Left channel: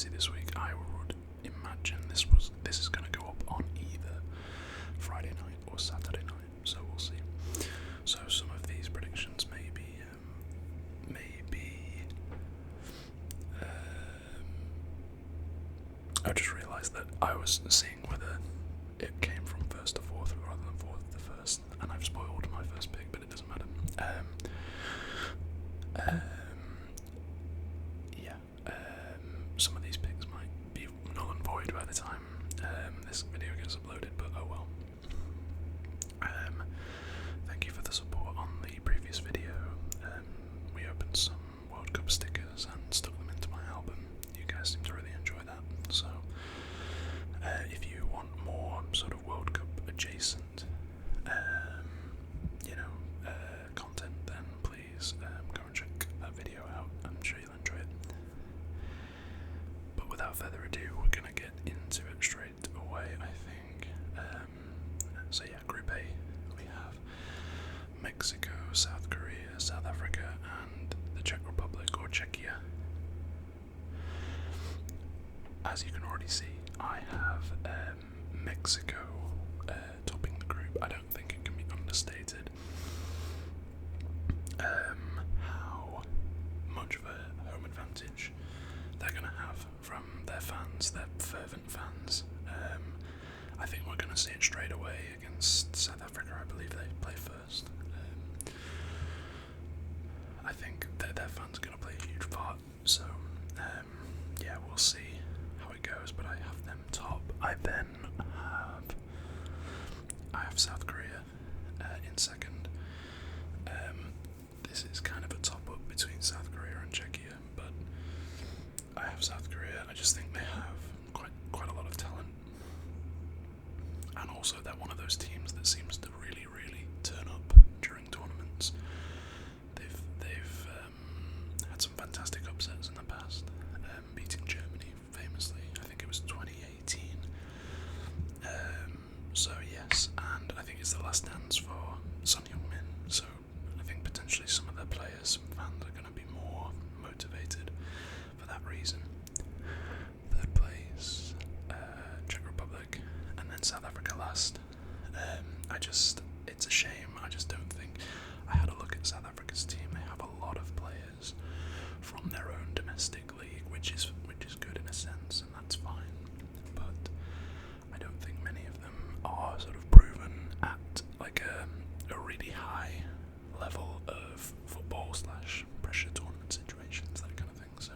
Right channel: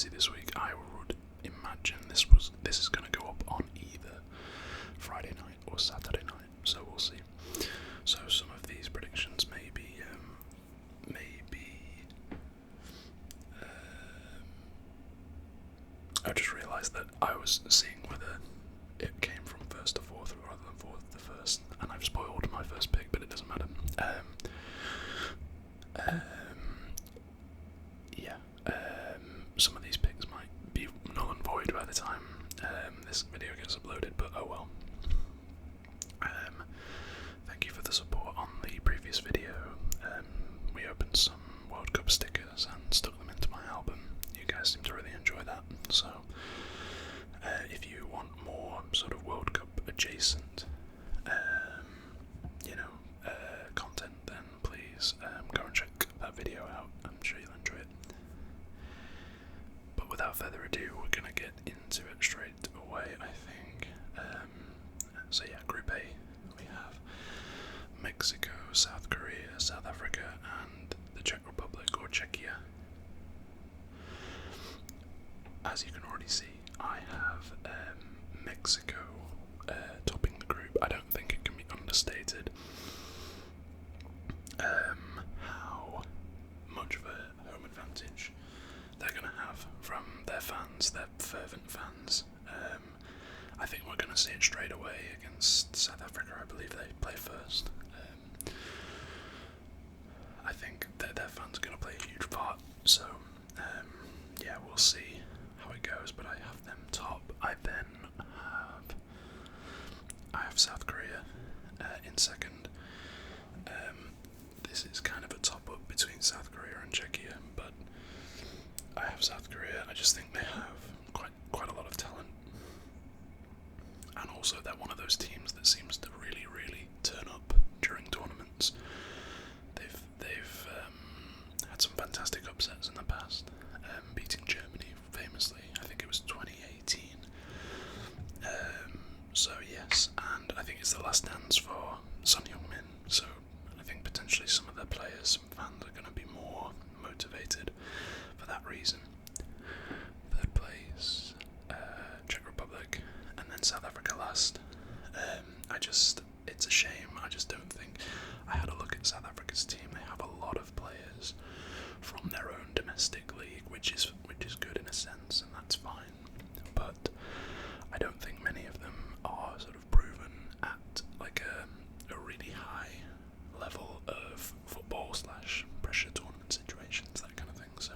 busy this week. I would imagine this is going to go up on either Friday night or Saturday night, so we'll see. So some of these predictions may be I just realised that I was seeing whether it came from first to fourth rather than fourth to first, and I've spoiled my first pick, but it doesn't matter. Some of these picks might be null and void by the time this video gets uploaded, but oh well. Thank you for the support on the previous video. We opened some World Cup stickers and stuck them into my album. You guys seem to really enjoy that, so if you want more sort of World Cup adjacent content, then please go and check that video out. I'm sure you'll enjoy it. But without further ado, we're going to get into it straight away, I think. So yeah, Group A, we have Mexico, South Korea, South Africa, and the Czech Republic, or Czechia. As you can already see, I have Mexico topping the group. I don't think it can be understated how much of a home advantage they're going to have from their fans, their fervent fans. I think we're going to see it straight away against South Africa. I believe they play first. I think that their fans are going to play a huge part, so yeah, we'll see how it goes, but I have them top. I then have South Korea in second. This is kind of a top-up between South Korea and Czechia, but I have South Korea. I just think they have quite a lot of talent, and also they're one of those teams that seems to really, really turn up during tournaments. They've had some fantastic upsets in the past, beating Germany famously. I think it was 2018. So yes, and I think it's the last dance for Son Heung-min. So I think potentially some of their players, some fans are going to be more motivated for that reason. Third place, Czech Republic, and then South Africa last. It's a shame. I just don't think. I had a look at South Africa's team. They have a lot of players from their own domestic league, which is good in a sense, and that's fine. But I don't think many of them are sort of proven at like a really high level of football / pressure tournament situations, that kind of thing. So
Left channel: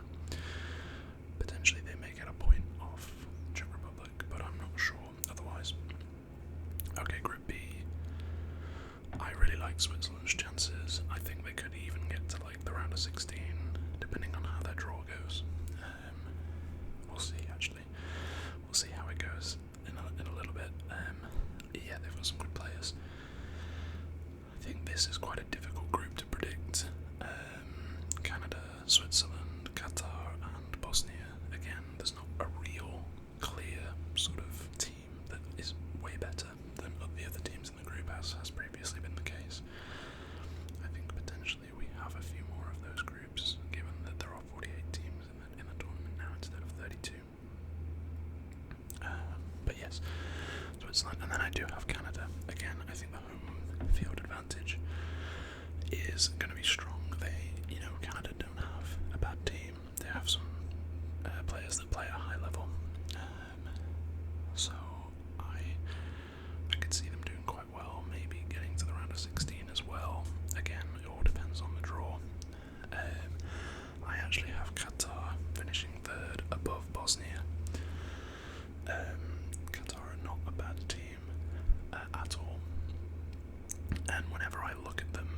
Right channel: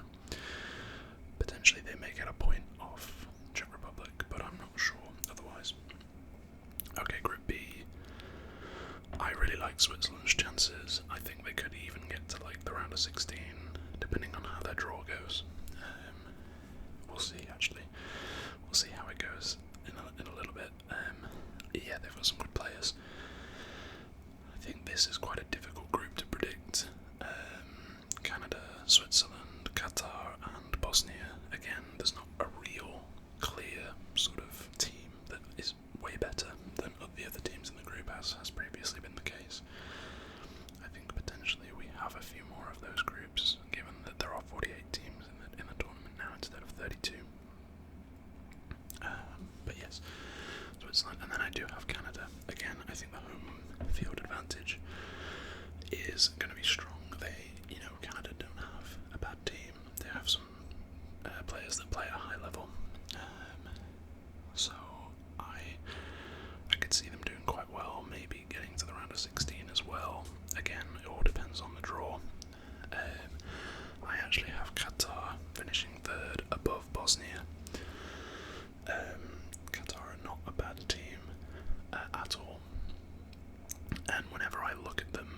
potentially they may get a point off Czech Republic, but I'm not sure otherwise. Okay, Group B. I really like Switzerland's chances. I think they could even get to like the round of 16, depending on how their draw goes. We'll see. Actually, we'll see how it goes in a little bit. Yeah, they've got some good players. I think this is quite a difficult group to predict. Canada, Switzerland, Qatar, and Bosnia. Again, there's not a real clear sort of team that is way better than the other teams in the group, as has previously been the case. I think potentially we have a few more of those groups, given that there are 48 teams in the tournament now instead of 32. But yes, Switzerland, and then I do have Canada. Again, I think the home field advantage is going to be strong. Canada don't have a bad team. They have some players that play at a high level. So I could see them doing quite well, maybe getting to the round of 16 as well. Again, it all depends on the draw. I actually have Qatar finishing third above Bosnia. Qatar are not a bad team at all. And whenever I look at them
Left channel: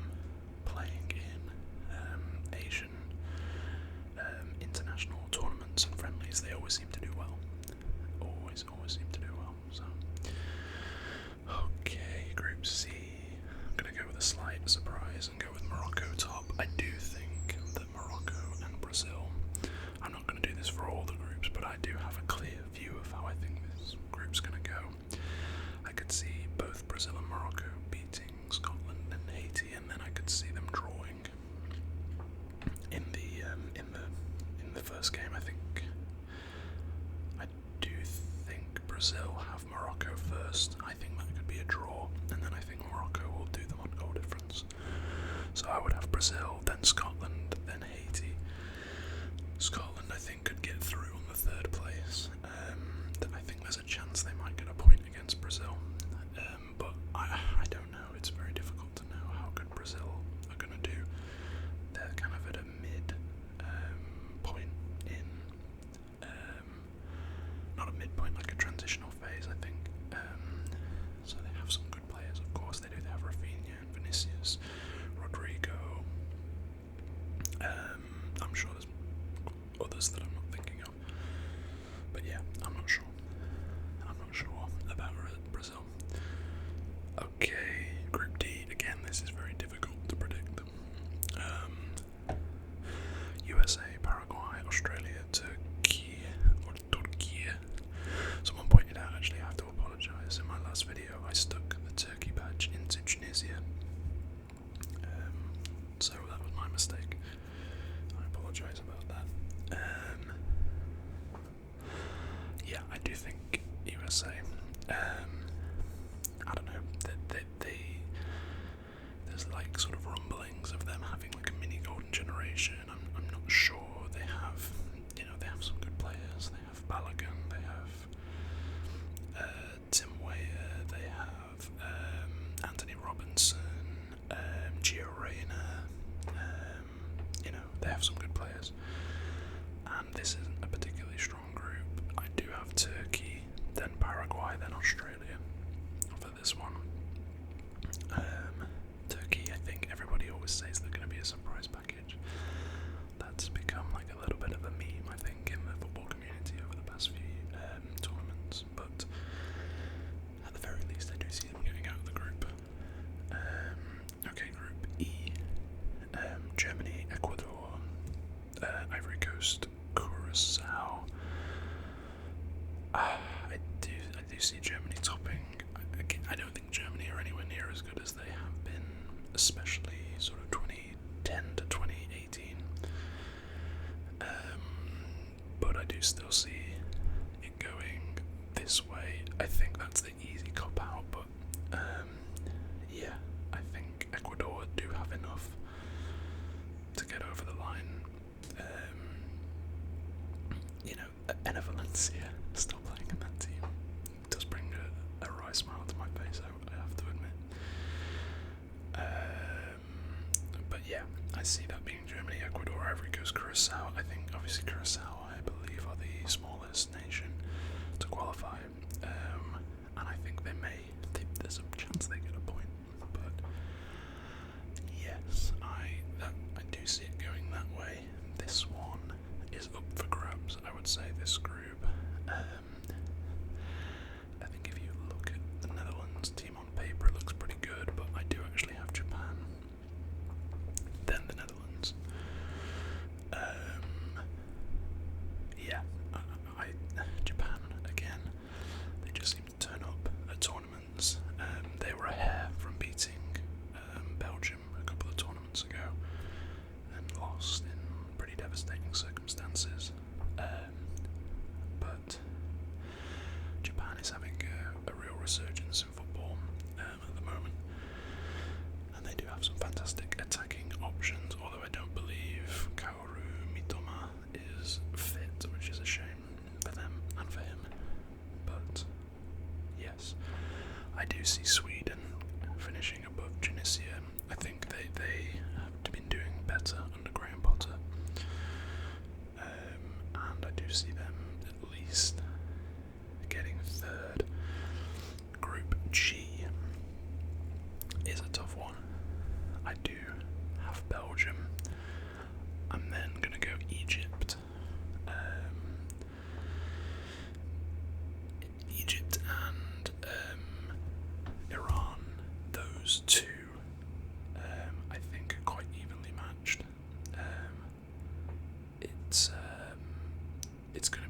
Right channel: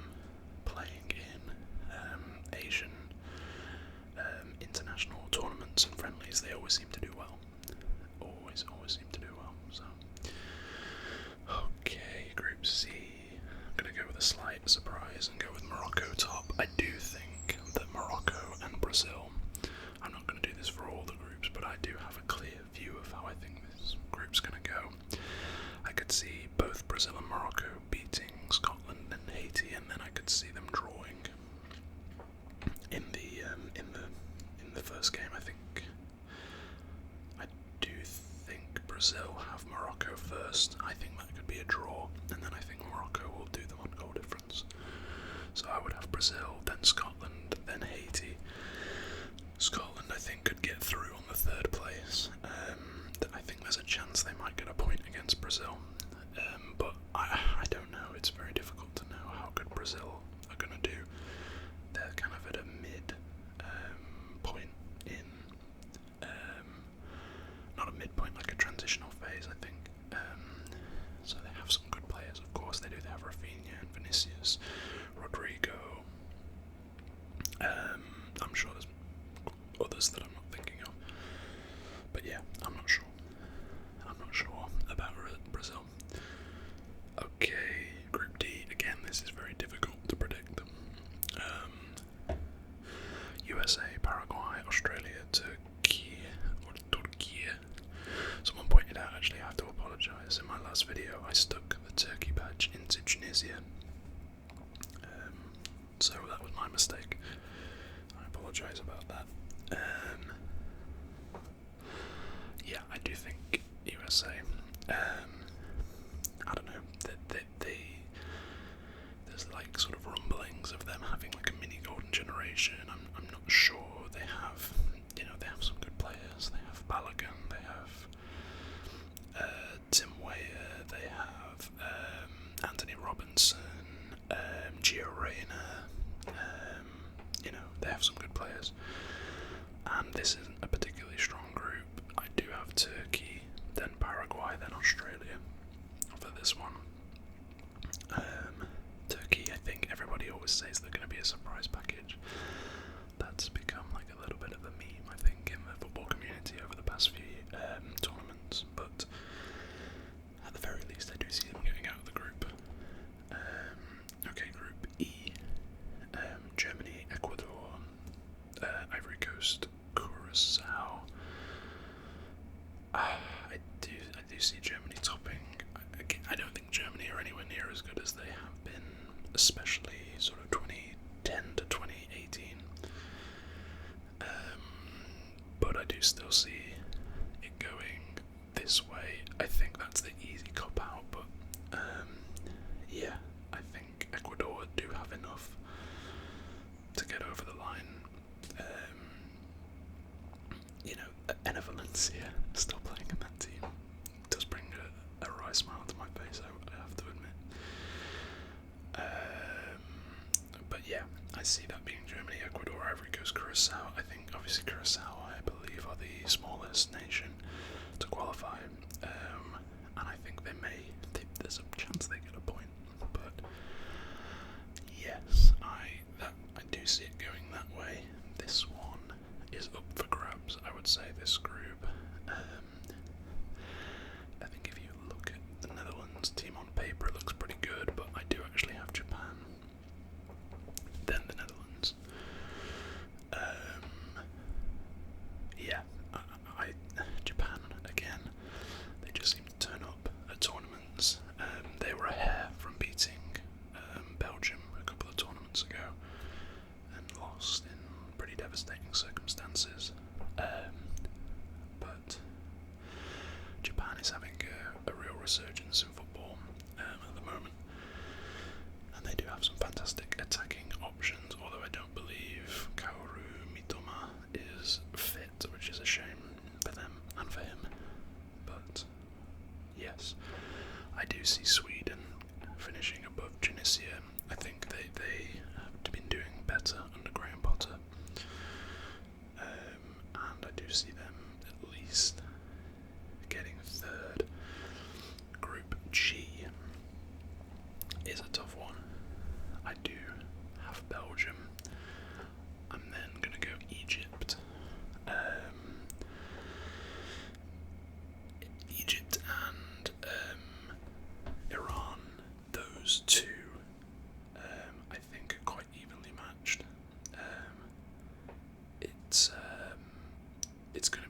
playing in Asian international tournaments and friendlies, they always seem to do well. Always seem to do well. So, okay, Group C. I'm going to go with a slight surprise and go with Morocco top. I do think that Morocco and Brazil, I'm not going to do this for all the groups, but I do have a clear view of how I think this group's going to go. I could see both Brazil and Morocco beating Scotland and Haiti, and then I could see them drawing in the first game. I think Brazil, then Scotland, then Haiti. Scotland, I think, could get through on the third place. I think there's a chance they might get a point against Brazil, but I don't know. It's very difficult to know how good Brazil are going to do. They're kind of at a mid point in, not a midpoint, like a transitional phase, I think. So they have some good players, of course. They do. They have Rafinha and Vinicius, Rodrigo. I'm sure there's others that I'm not thinking of, but yeah, I'm not sure. I'm not sure about Brazil. Okay, Group D. Again, this is very difficult to predict. USA, Paraguay, Australia, Turkey. Someone pointed out, actually, I have to apologise. In my last video, I stuck the Turkey badge into Tunisia. So that was my mistake. I apologise about that. Yeah, I do think USA. I don't know. There's like sort of rumblings of them having like a mini golden generation. I'm not sure. They have, they have some good players. They have Balogun. They have Tim Weah. They have Anthony Robinson. Gio Reyna. They have some good players. And this isn't a particularly strong group. I do have Turkey, then Paraguay, then Australia for this one. Turkey, I think everybody always says they're going to be a surprise package. That's become like a little bit of a meme, I think, in the football community over the past few tournaments. But at the very least, I do see them getting out of the group. Okay, Group E. Germany, Ecuador, Ivory Coast, Curacao. I do see Germany topping. I don't think Germany are anywhere near as good as they have been, especially sort of 2010 to 2018. But I do still see it going this way. I think that's the easy cop out, but yeah, I think Ecuador do have enough to get over the line. Enna Valencia still playing in that team does bring a wry smile to my face, I have to admit. But yeah, I see that being Germany, Ecuador, Ivory Coast, Curacao. I think obviously Curacao, I believe, are the smallest nation to qualify, and I think there's a chance they get a point. But yes, I do see it going that way. This one is up for grabs, I would say, this group. I think if you look at the Netherlands team on paper, it looks pretty good, but I do actually have Japan, then the Netherlands. Yeah, Japan, again, they just seem to turn up at tournaments. They were a hair from beating Belgium a couple of tournaments ago, and lost in pretty devastating circumstances. But Japan is having a real resurgence in football at the moment, and they do have some fantastic attacking options, although I don't believe Kaoru Mitoma is fit, which is a shame for them and for him. But yes, I do see Sweden finishing above Tunisia. I think they have been doing better under Graham Potter, and I do see them at least getting third. Group G is a tough one. I do have Belgium. I'm then going to go Egypt. Egypt and Iran, those two, I think are quite evenly matched. It's going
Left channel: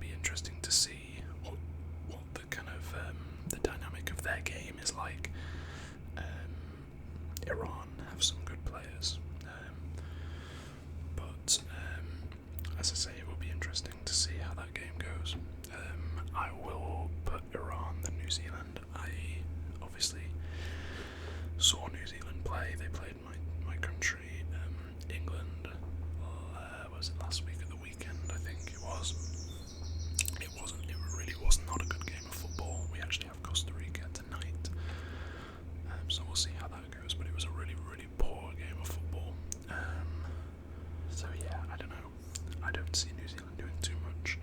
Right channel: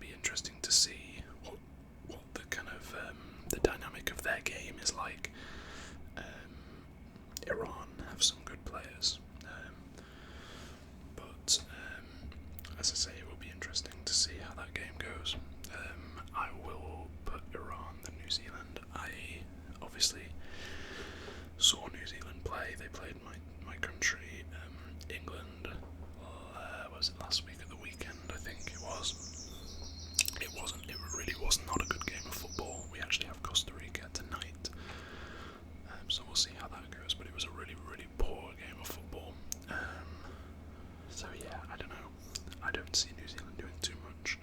can't see New Zealand doing too much.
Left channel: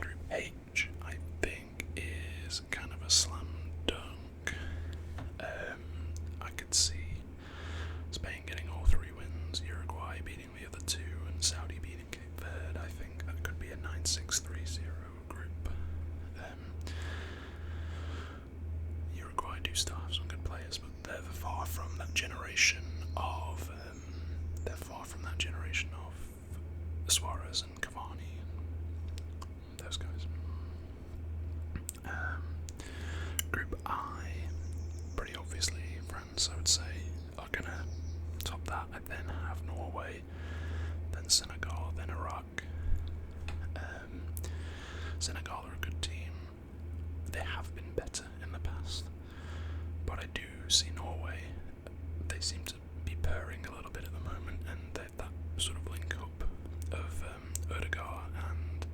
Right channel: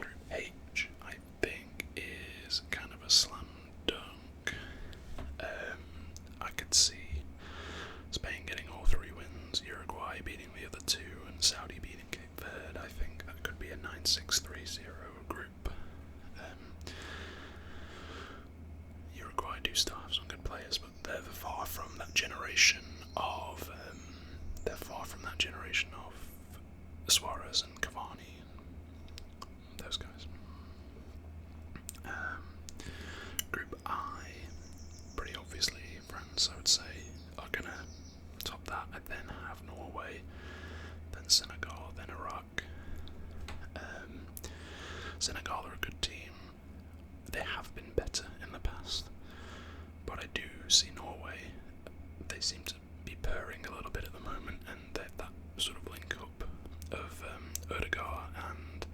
Group H, I think, is kind of a slam dunk. I could see Spain getting all 3 wins, Uruguay beating the other 2, and Saudi beating Cape Verde. I think that could be a 9-6-3-0 group. Uruguay do still have some good players, but they're far from that generation of Suarez and Cavani and those guys. Group I, pretty obviously France, I would say, are gonna top that. I then have Norway, then Senegal, then Iraq. Senegal are a good team. They have been better in the past, but I do see Norway. They seem to be purring a little bit at the moment, and that sort of link up of Ødegaard and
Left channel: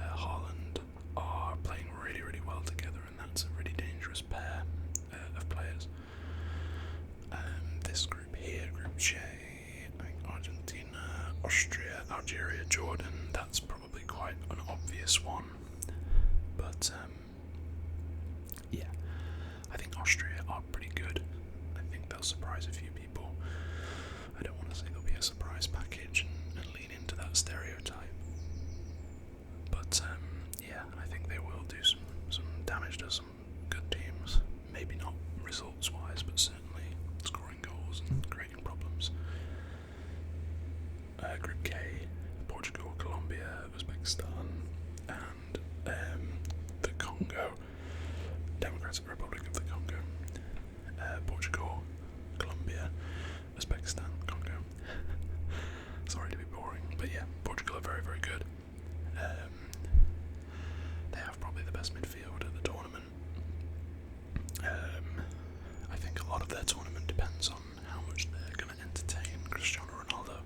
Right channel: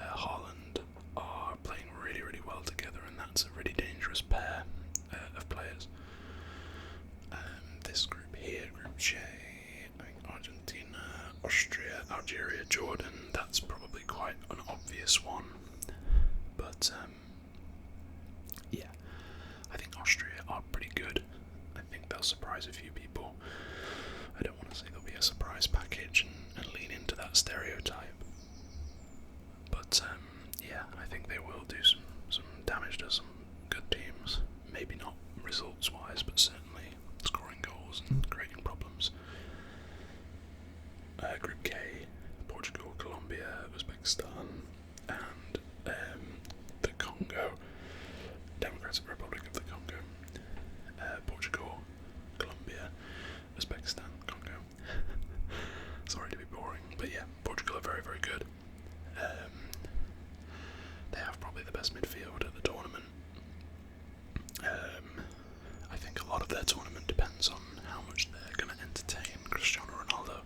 Haaland are playing really, really well together, and that's a really dangerous pair of players. This group here, Group J, I think Argentina, Austria, Algeria, Jordan, that's probably quite an obvious one. But yeah, I think Austria are pretty good. I think they'll surprise a few people. I don't want to say they'll be a surprise package and lean into that stereotype. But yeah, I think they will do some damage to some good teams. Maybe not results-wise, but certainly scoring goals and creating problems. Group K, Portugal, Colombia, Uzbekistan, and the Congo, Democratic Republic of the Congo. Portugal, Colombia, Uzbekistan, Congo. Sorry to be boring, but yeah, Portugal are very, very good. They have probably the best midfield at the tournament. I think a lot of their tournament depends on how much they're going to entertain Cristiano Ronaldo.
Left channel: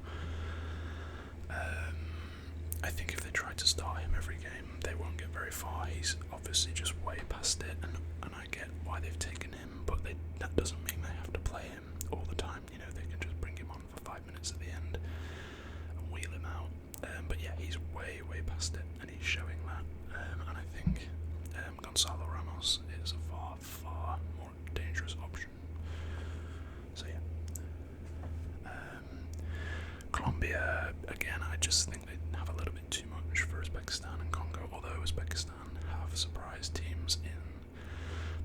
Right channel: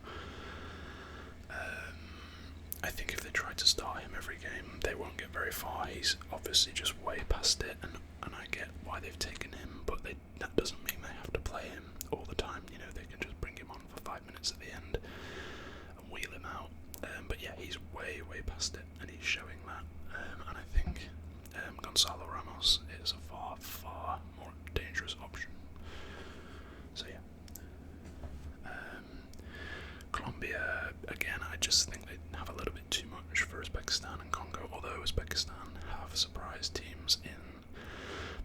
I think if they try to start him every game, they won't get very far. He's obviously just way past it, and I get why they've taken him, but that doesn't mean they have to play him all the time. You know, they can just bring him on for 5 minutes at the end and wheel him out. But yeah, he's way, way past it, and he's showing that. And I think Gonzalo Ramos is a far, far more dangerous option. So yeah. Colombia, again, I just think they have a little bit too much for Uzbekistan and Congo, although Uzbekistan have surprise teams in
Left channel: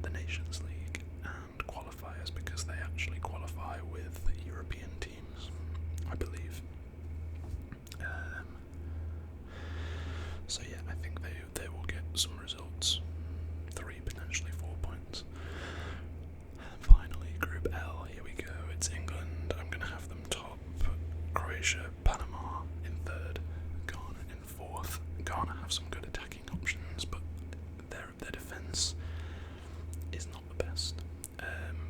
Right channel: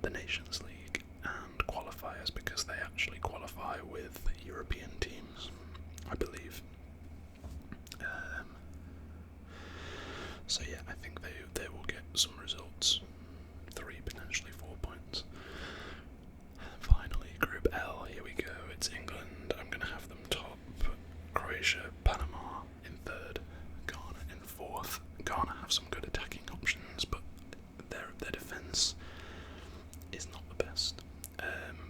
the Nations League and qualifiers because they actually qualify with European teams, I believe. So yeah, I think they will get some results, 3, potentially 4 points. And finally, Group L, here we go, it's England. I'm going to have them top, Croatia, Panama in 3rd, Ghana in 4th. Ghana have some good attacking options, but their defence is not the best.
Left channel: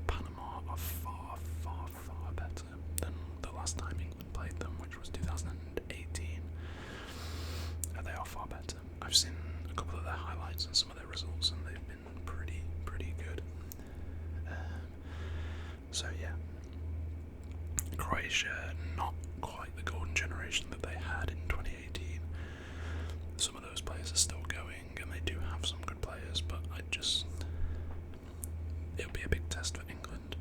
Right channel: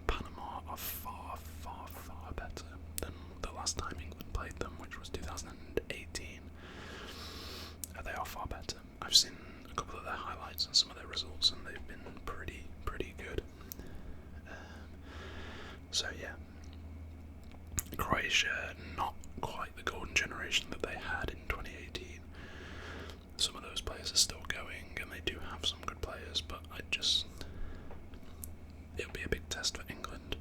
Panama are far, far, far better than the last time England played them, which was 2018. They are far better. I've seen a couple of their highlights and some of their results, and they've been pretty good. So yeah, Croatia, not quite the golden generation that they had in 2018. Some of those players are still going, and they do have some good players, but it'll be a big test for England.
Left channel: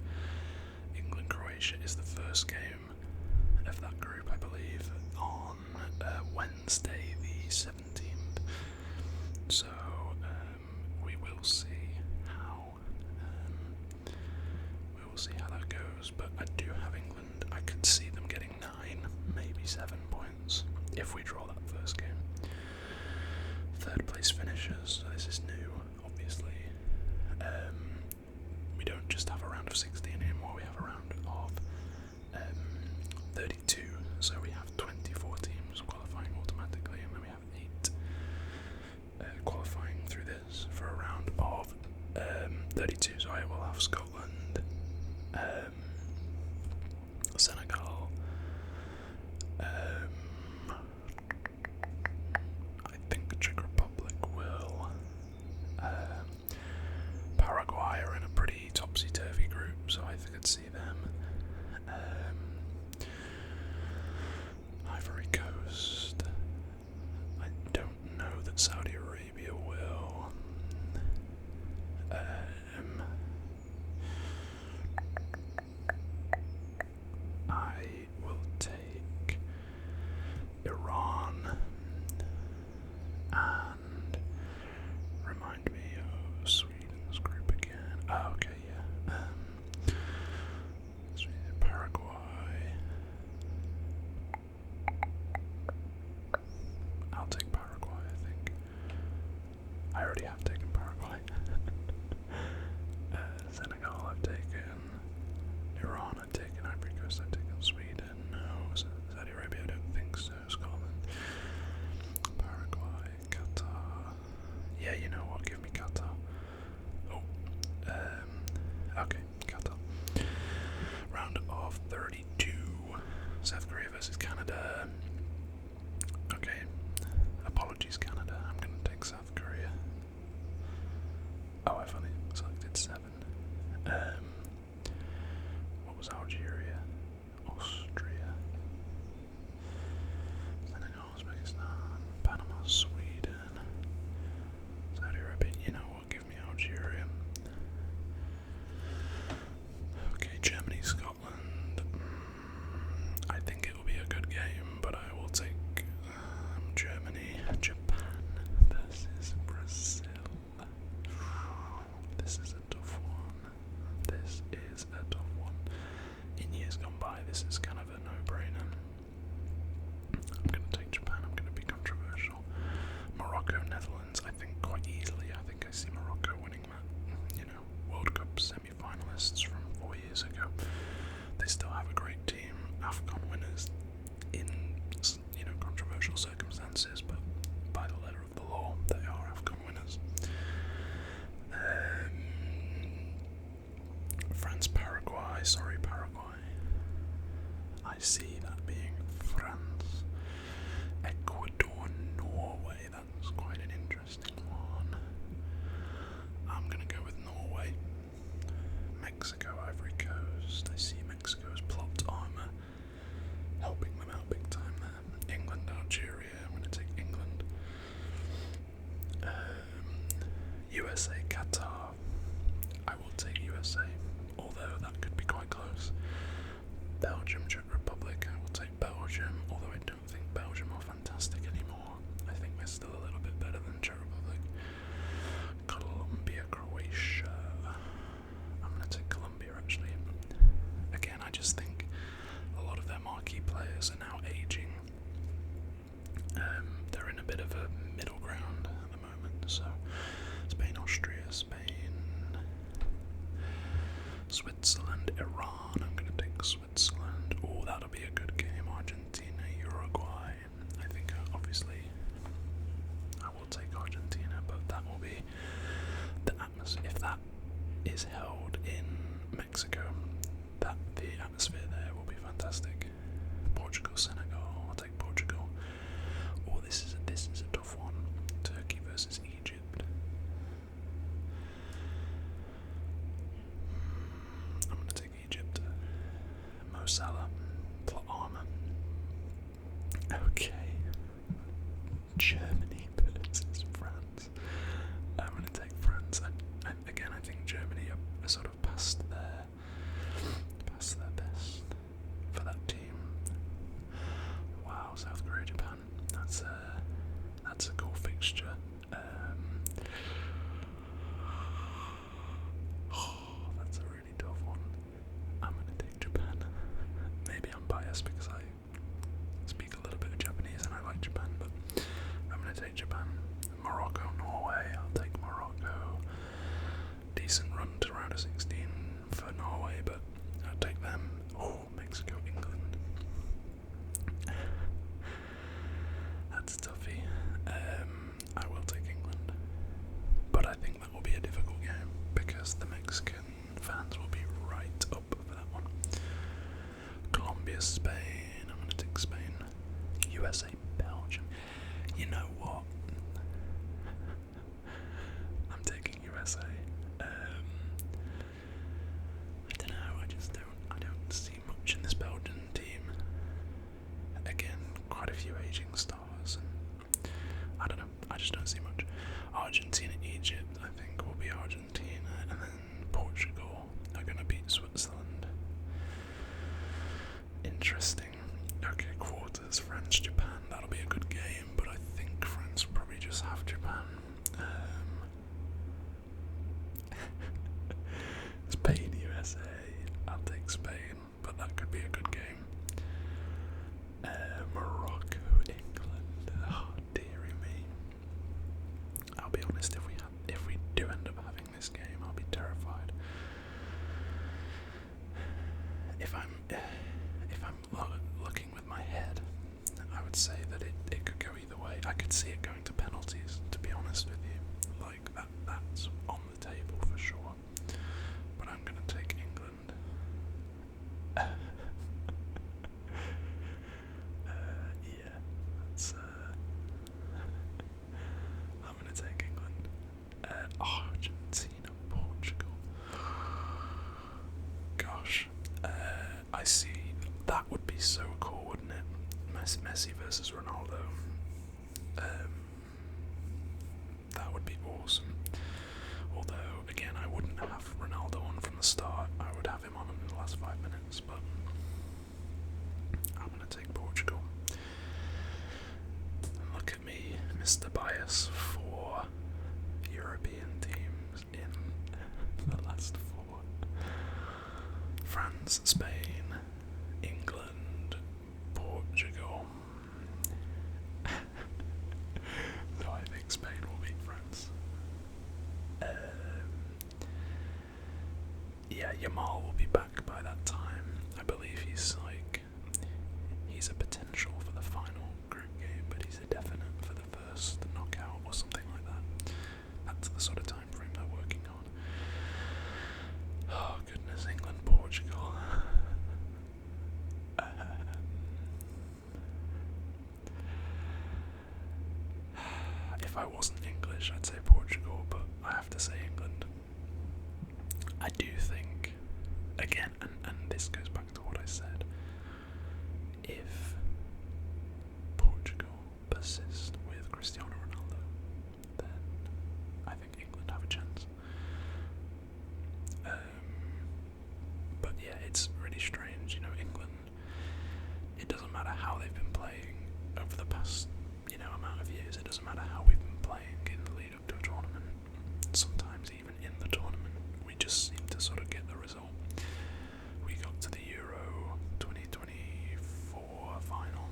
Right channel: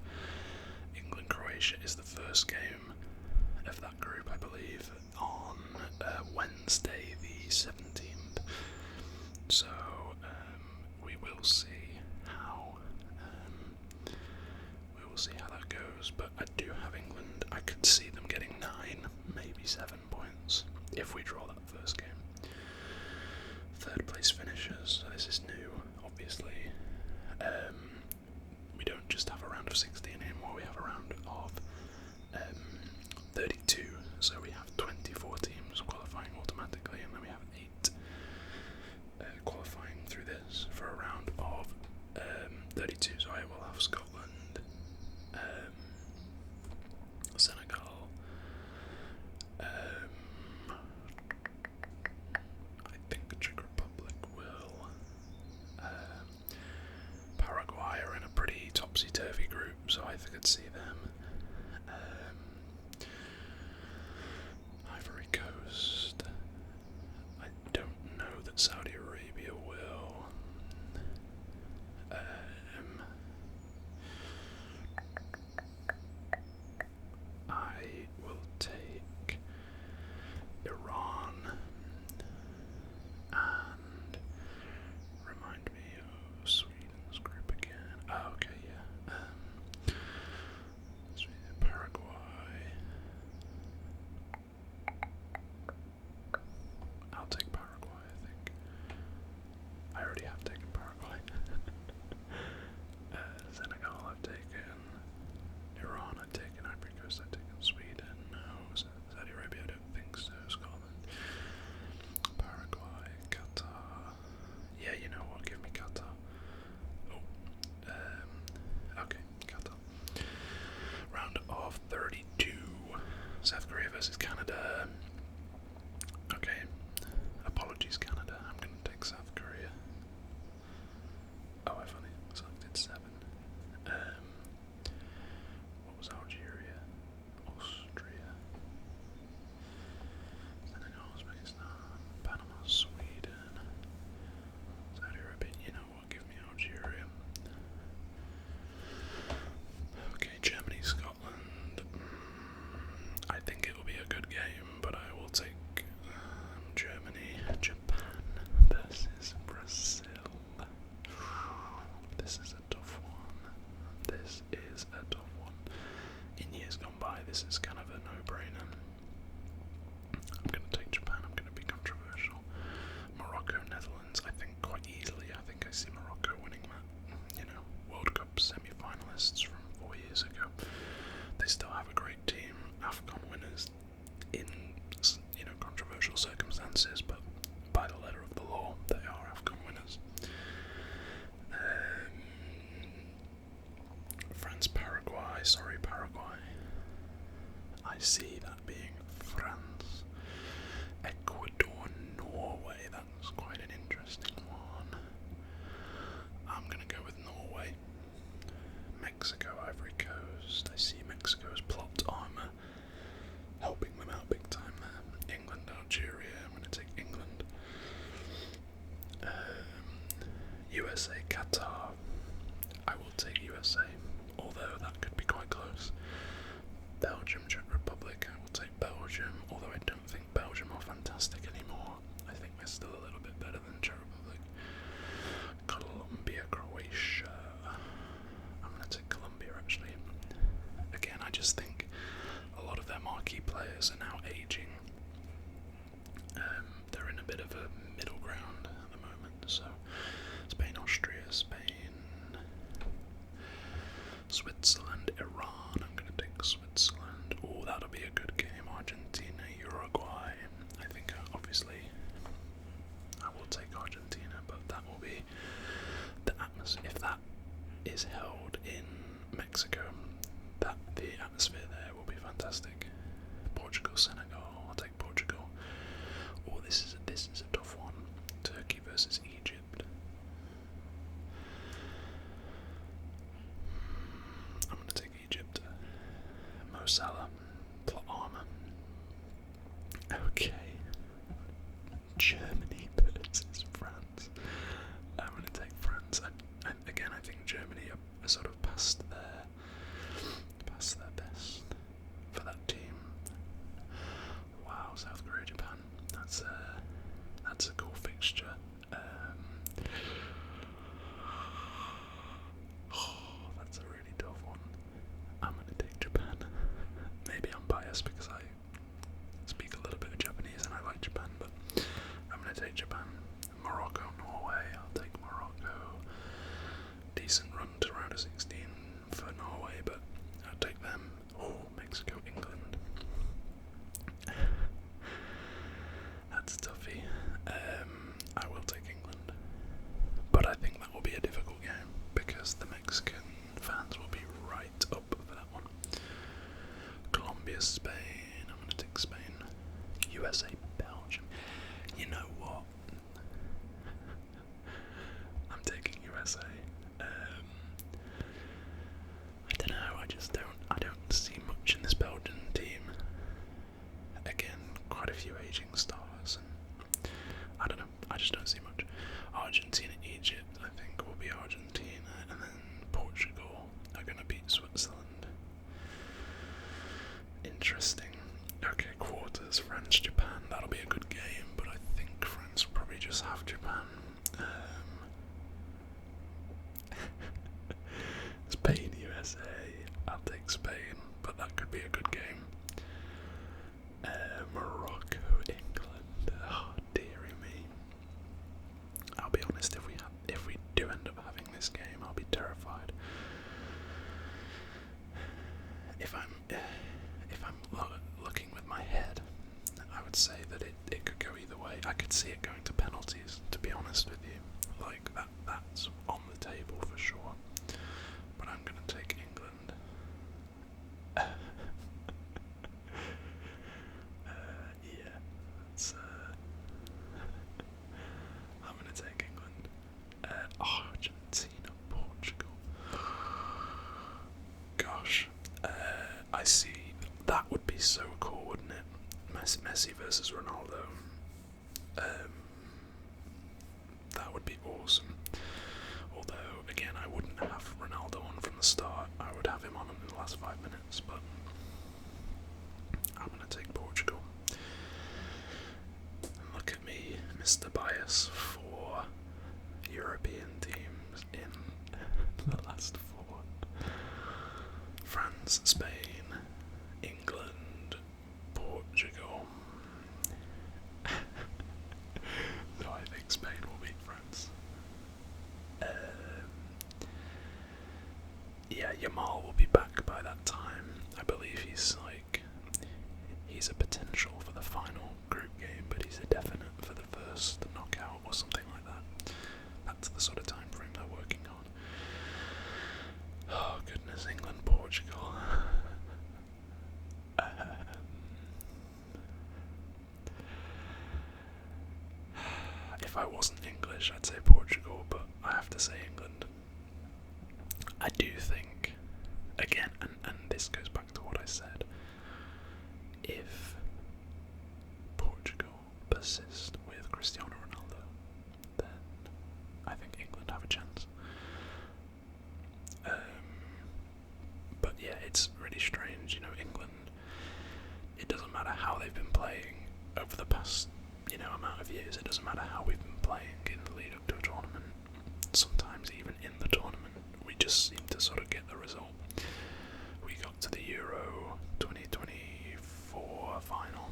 England-Croatia is the first game of that group, I believe, on Wednesday the 17th. So we will see how that goes. But I do have England. I could see them getting 9, maybe 7 points if we draw that first game. 3rd place finishers. So this is new, obviously. We don't just have a round of 16 anymore. We have a round of 32. So we have 24 teams qualifying automatically, and then we have 8 qualifying through this for a round of 32. So I will have Scotland, Senegal, I think the Czech Republic will, Paraguay are in a pretty topsy-turvy group, so I could see them. already have taken Paraguay. Senegal, I've taken Iran, I've taken Ivory Coast, I've taken Sweden, no, Saudi Arabia, I don't think so, Scotland, Paraguay, Qatar, yeah, you know what, give me Qatar. Okay, Qatar. Round of 32, South Korea versus Canada. Okay, apologies Canada, I'm going to take South Korea. Oh, I've only selected 7. What was Algeria? Austria. Senegal, Uzbekistan, Panama, Sweden. Saudi Arabia, you know what, give me Algeria. Okay, Germany, Scotland. I think it will be a good game, but I will take Germany, Japan versus Brazil. This is a tough one. This is a tough one. In years gone by, this is kind of a no-brainer. I'm going to take Japan. I'm going to be controversial. Morocco, Netherlands. I think quite easily. I think I see Morocco winning that. You know, World Cup semi-finalists from 4 years ago. They still have a great team. AFCON winners in, you know, controversial circumstances, but by the letter of the law, they are AFCON winners. France, Paraguay. Sorry, Paraguay. I see that being France. Ecuador, Norway. That's quite an interesting one. I'm gonna go with Norway. Mexico, Ivory Coast. I see Mexico's plot armor helping them out big time there. England, Algeria. I'm gonna take England. USA, Qatar. I will take USA, although that could be quite close. Belgium, Czech Republic. I will take Belgium, although I don't think Belgium are fantastic anymore. I think they're still a little bit better than Czech Republic. Colombia, Croatia. I'm going to take Colombia actually. Again, I just think a lot of their marquee players are now aging. They're in a bit of a middle ground at the moment, so Spain, Austria, Spain, Switzerland, Iran. I'm going to take Switzerland. Oh, that'll be a good game. Argentina, Uruguay. I think obviously I will take Argentina, but that will be the atmosphere. If that is held in Mexico, that the atmosphere there will be fantastic. Portugal, Senegal. I'll take Portugal. Oh, this is a tough one. Turkey versus Egypt. I'm going to take Egypt. Mo Salah, plot armor. Okay. Germany versus France. I'm going to take France. Again, I think Germany are sort of past their best for that team. Wow, South Korea, Japan. That's a cool fixture. That's a really tough one. I'm gonna take Japan. Maybe I'm biased because I speak a little bit of Japanese and I like Japan, but I'm gonna take Japan. Morocco, Norway. I'll take Morocco. Decent run to round of 16 for Norway, but I'll take them. Oh, Mexico, England. That's toughy. I will take England, but I think that will be a difficult game because the Mexican fans will be right up for that one. Colombia, Spain. I'm going to take Spain. USA, Belgium. You know what? I'm taking USA. I don't know. I don't see much in this Belgian team. Again, quite a few aging stars, and I don't know. I just don't see much. Argentina, Egypt. I think will be Argentina, and then Portugal are going to beat Switzerland. Interesting. Okay, quarters. France, Japan. That'll be a good game, but I think France will probably just have Japan. Spain, USA. I'll take Spain, but that could be a good game. Morocco, England. Oh, dearie me. I'll be honest, if we had I could see it going to penalties, to be honest with you. Like, that's on the table for sure. But I'm going to take England. Yeah, that's, I'm going to take England. Argentina, Portugal. Gosh, I see. That would be so cool, wouldn't it? Messi versus Ronaldo. That would be awesome. Although, again, I wouldn't have Ronaldo on from the start. I would have him on in the last 5 minutes, but I'm going to take Portugal. Look at me, Mr. Bias for European teams in the last 4. France, Spain, England, Portugal. So I think Spain will beat France. Yeah, Yamal will be back by that time. I believe he's a potential for the final group game, but he's a definite for the first knockout or something like that. That's the sort of time frame they're working on. Oh goodness, England, Portugal. If I wasn't English, I'd say Portugal, but I have to say England. I do think, again, and this goes back to what I said, if Portugal persist with Cristiano Ronaldo, then I think England have a chance. But yeah, it's really strange, England, it doesn't matter how they've been playing over the past, amount of years, it doesn't matter how we've been playing in the lead up to a tournament, sometimes even in the tournament, we just seem to sort of get the result. We got to the Euro 2024 final,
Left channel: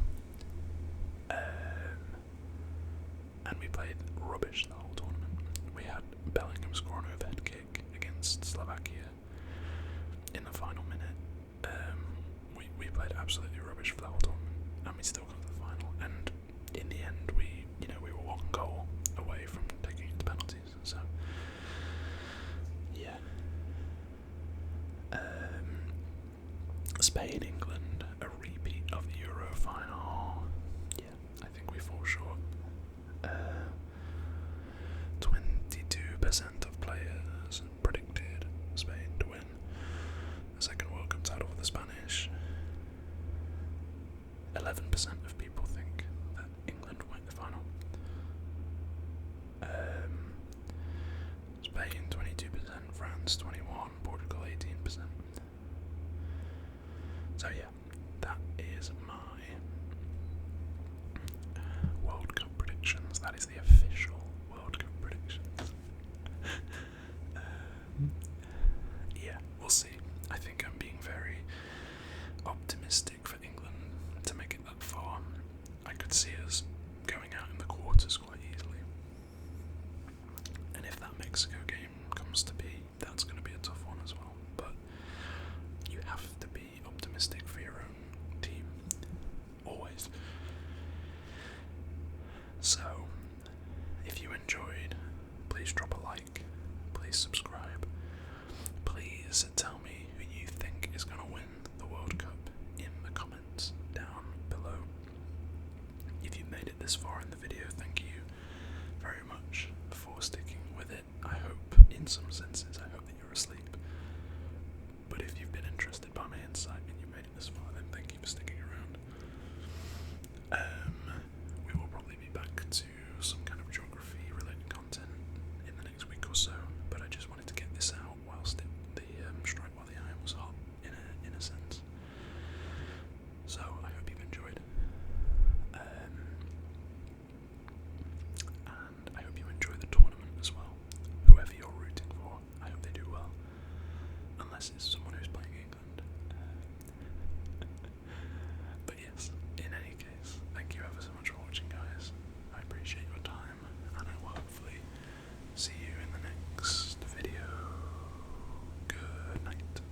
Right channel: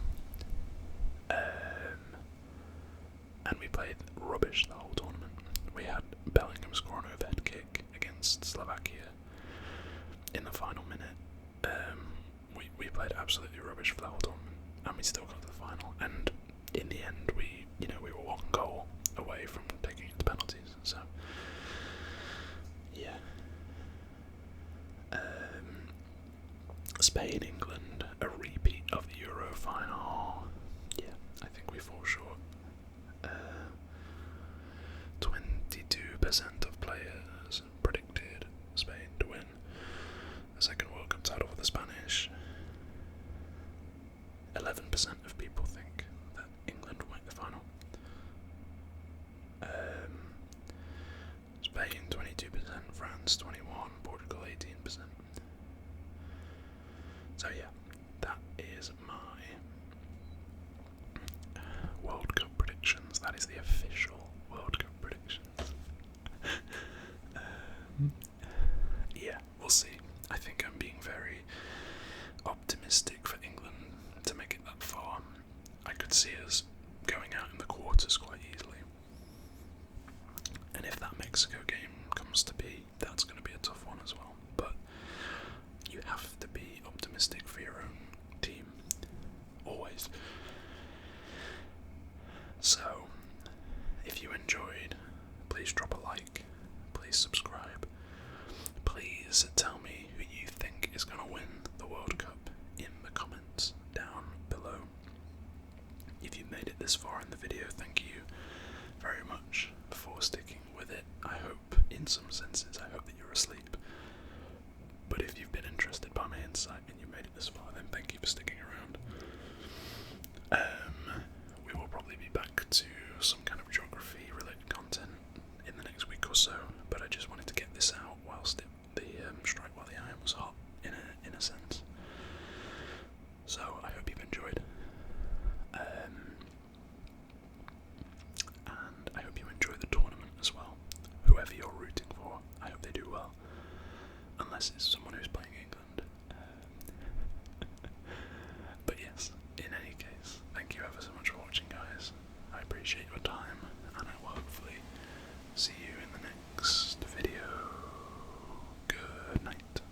and we played rubbish the whole tournament. We had Bellingham score an overhead kick against Slovakia in the final minute. We played absolutely rubbish for the whole tournament, and we still got to the final. And in the end, we were 1 goal away from taking it to penalties. So, yeah. Spain, England, a repeat of the Euro final. Yeah, I think we fall short. 22% of players predicted Spain to win the second World Cup title for the Spanish. 11% of people think that England will make the final. Spain 22%, France 21%, Portugal 18%. So yeah, that is my World Cup predictions. That is the official World Cup predictions. Yeah, we'll see. I think I'm being very optimistic for England to make it that far. I could see us going out in the quarters quite easily. And if that Mexico game comes to be, that's going to be a tough one as well. But you have to be optimistic for your own team. Always. So, if you enjoyed, please drop a like. Please subscribe. Please tell me who you think is going to win the World Cup in the comments down below. If you made it this far in the video, thank you very much for sticking with it. I hope, in some senses, I hope that you're asleep. But if you've been interested by my insight and you made it this far, then thank you for sticking around. We will probably be back to